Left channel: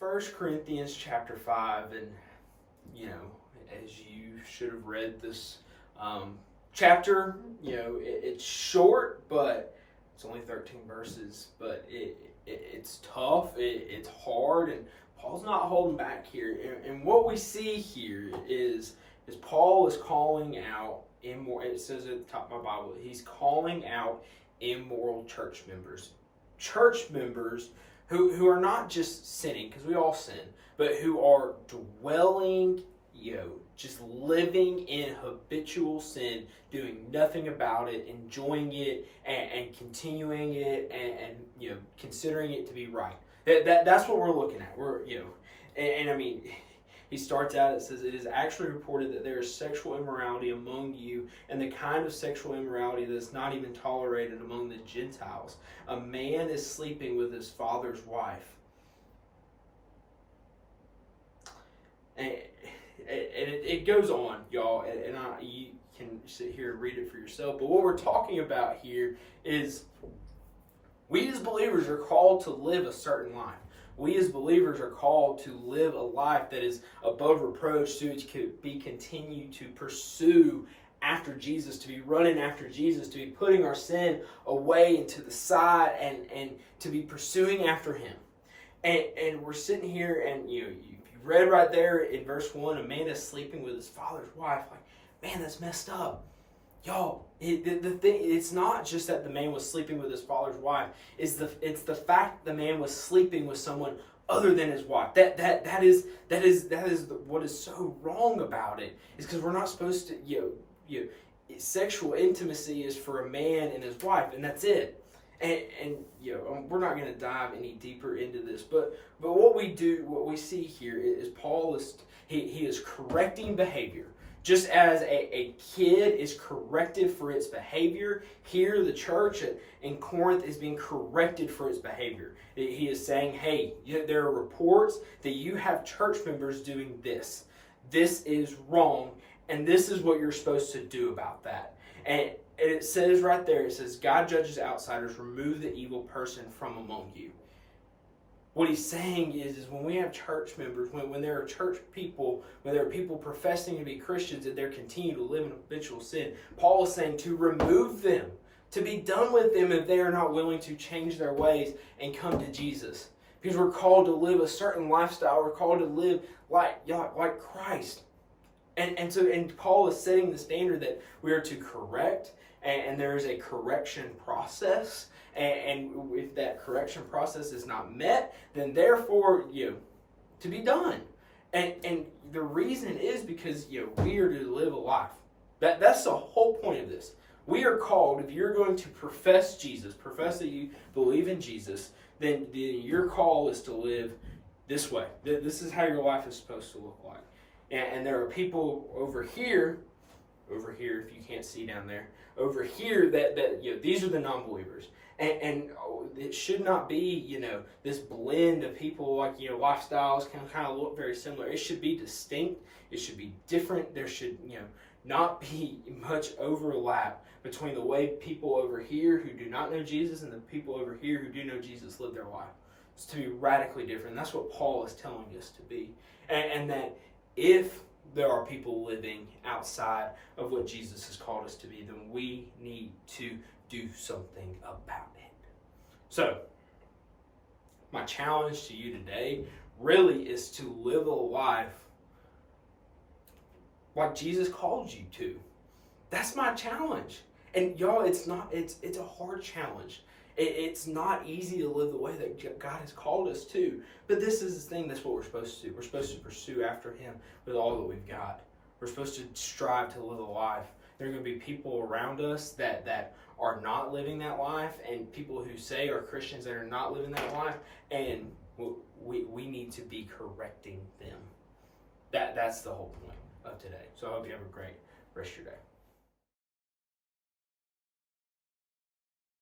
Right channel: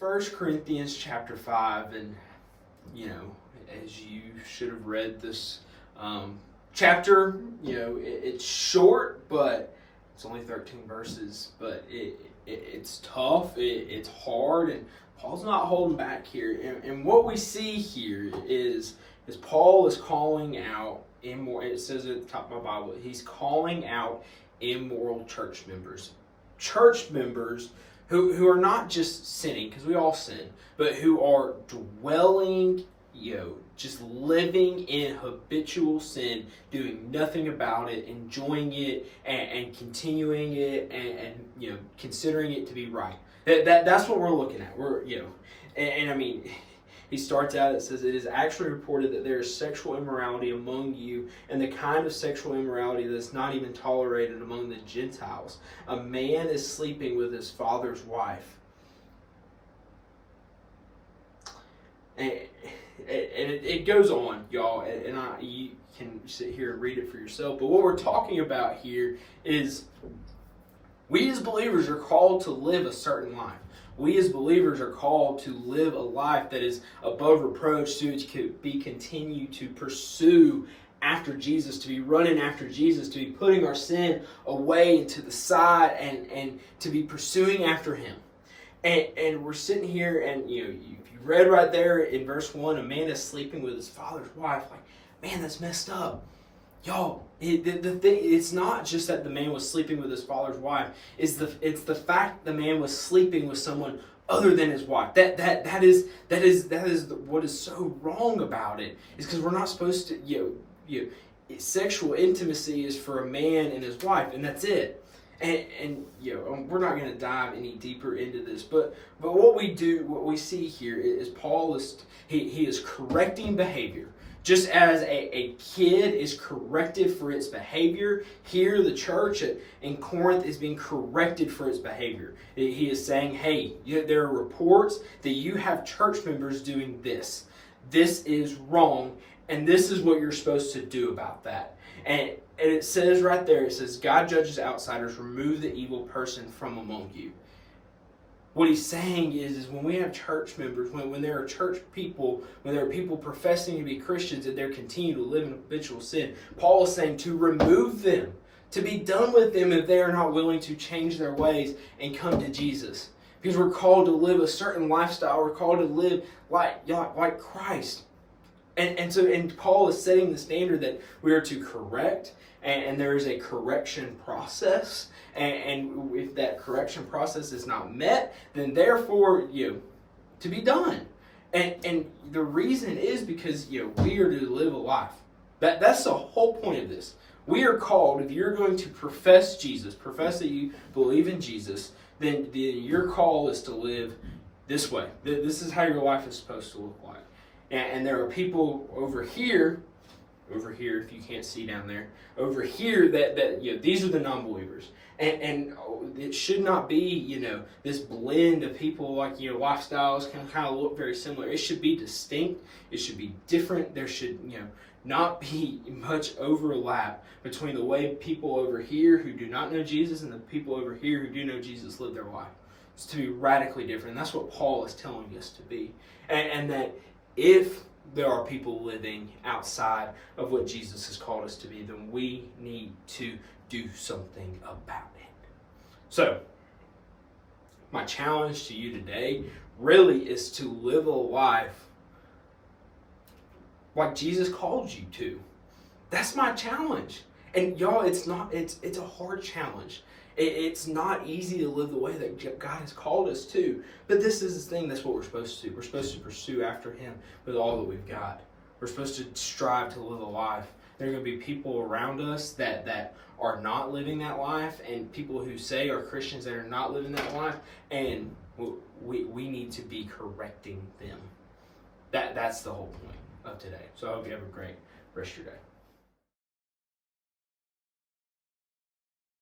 First Corinthians chapter 5, and as you should have read this chapter, it's short, but it's only 13 verses, but it's tough, it's hard, and Paul's not holding back here. And what we see here is Paul is calling out immoral. It says at the top of my Bible, he's calling out immoral church members who are not just sinning, because we all sin, but who are dwelling, just living in habitual sin, doing nothing about it, enjoying it, and continuing it, and considering it to be right. That's what we're looking at. And I mean, he starts out, it says, it is actually reported that there is sexual immorality among you, and the kind of sexual immorality that is not even tolerated among the Gentiles. A man is sleeping with his father's wife. And it goes on, y'all, and you can sit here and read it for yourself. But what we're talking about here is we as believers are called to live a certain life. We as believers are called to live a life that is above reproach, to continue to pursue after Jesus, to be running after Jesus, to be putting our sin away to the side, and to be pursuing after Him. And we're sitting here, and you read right there in verse 1, a man is sleeping with his father's wife. Like, man, that's messed up. Y'all, it's not just that the man was sleeping with his father's wife. It's the fact the man was sleeping with someone other than his wife. That is what is so wrong about it. Is because we're not supposed to, sexual intimacy is for a man and his wife, and that's it. And we're not going to dive any deeper into this, but what we see here is Paul he is correcting behavior. Just as a kid is corrected for its behavior, here the church in Corinth is being corrected for its behavior. He is saying, hey, there are reports that you have church members doing this. This is wrong, and this is what you're supposed to do about that. And it says right there, it says, God judges outsiders, remove the evil person from among you. What he's saying is when we have church members, when there are church people, when there are people professing to be Christians and they continue to live in habitual sin, Paul is saying to remove them, to be done with them if they are not willing to change their ways and come to Jesus. Because we're called to live a certain lifestyle. We're called to live like Christ. And Paul is setting the standard that we are to correct, and there is a correction process. And if that correction process is not met, then therefore, to be done. And the reason is because, we are to live a life. That's the whole point of this. We are called, if you're going to profess Jesus, profess that you believe in Jesus, then your call is to live this way. This is how your life is supposed to look like. And there are people over here, if you can't see down there, over here that these are the non-believers. And it should not be, this blend of people like, lifestyles can kind of look very similar. It should be distinct. It should be different. There should, not be much overlap between the way people over here who do not know Jesus and the people over here who do know Jesus live their life. It's to be radically different. And that's what Paul is telling us to be. And that if there are people living outside of what Jesus has called us to be, then we need to do something about it. So, my challenge to you today really is to live a life like Jesus called you to. That's my challenge. And y'all, it's a hard challenge. It's not easy to live the way that God has called us to. But this is the thing, that's what we're supposed to do. We're supposed to pursue after Him with all that we've got. We're supposed to strive to live a life. There are going to be people around us that are not living that life, and people who say are Christians that are not living that life, and we need to be correcting them. That's the whole point of today. So I hope you have a great rest of your day.